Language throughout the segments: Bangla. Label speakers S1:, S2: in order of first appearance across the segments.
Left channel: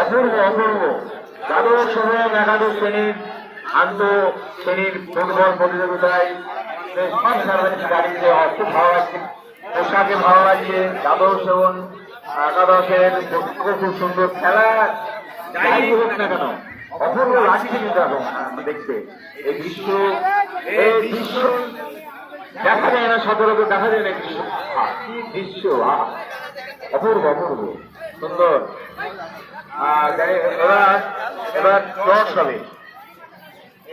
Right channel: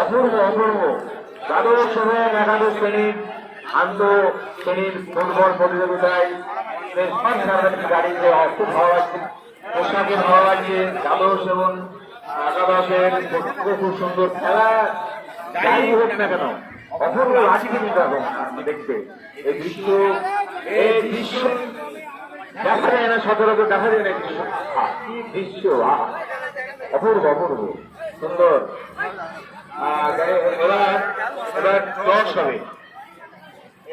S1: অপূর্ব অপূর্ব। দ্বাদশ সময় একাদশ শ্রেণির আন্ত শ্রেণির ফুটবল প্রতিযোগিতায় গাড়িতে খুব ভালো লাগছে। পোশাকে ভালো লাগছে দ্বাদশ এবং একাদশের খুব সুন্দর খেলা, যাই হোক না কেন, অপূর্ব লাগছে কিন্তু এখন দেখতে এই দৃশ্য এই দৃশ্য দেখা যায় না, সচরাচর দেখা যায় না দৃশ্য কি দৃশ্য অপূর্ব অপূর্ব, সুন্দর। এবার এবার টস হবে।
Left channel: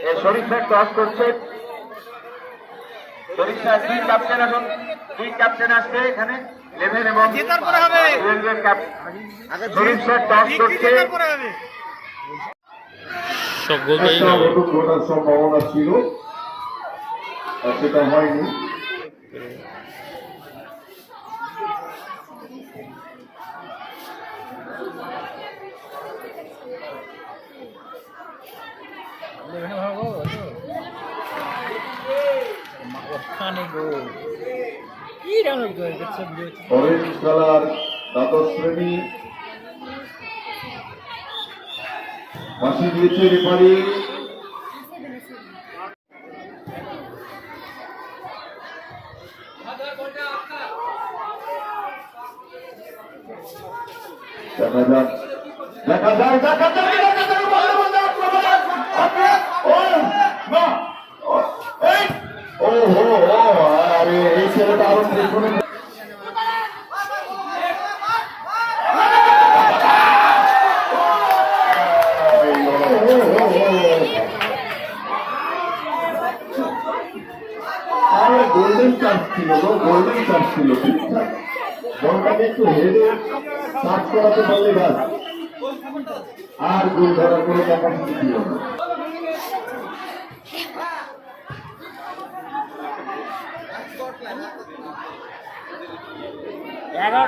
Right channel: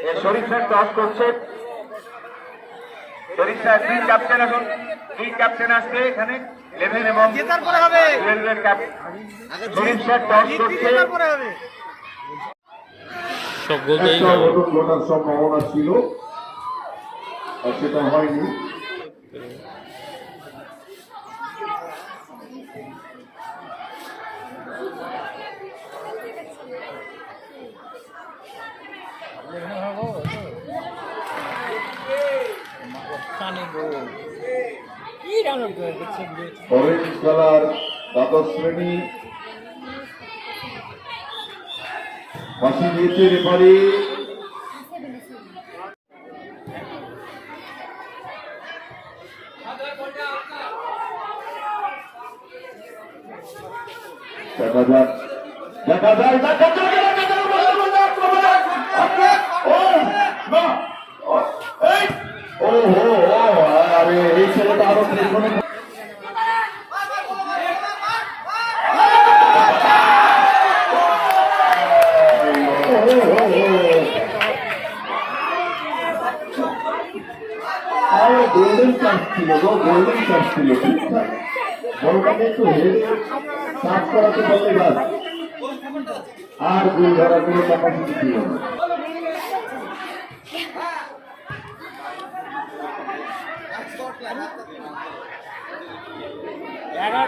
S1: এ শরীফ স্যার টস করছে। স্যার দুই ক্যাপ্টেন এখন দুই ক্যাপ্টেন আসছে এখানে ইলেভেন এবং টস করছে।
S2: সব গোল।
S3: সম্ভাবনা ছিল সেটা হয়নি। অরেঞ্জ কালার দ্বাদশ শ্রেণি ফাঁসি দিয়েছে রেফারি। দেখা যাক। দেখা যায় দেখা যায় দেখা যায়, দেখা যায়, দেখা যায়, ও না ও, এই ও হো ও আরে এই ছেলেটা আরও গোল্ডেন চান্স ছিল গো গোল্ডেন চান্স ছিল, ঠিকঠাক। বলটাকে একটু হেডে পারলে আর গোল ধরার কোনো ক্যাপাসিটি ছিল না।
S1: dạ đó.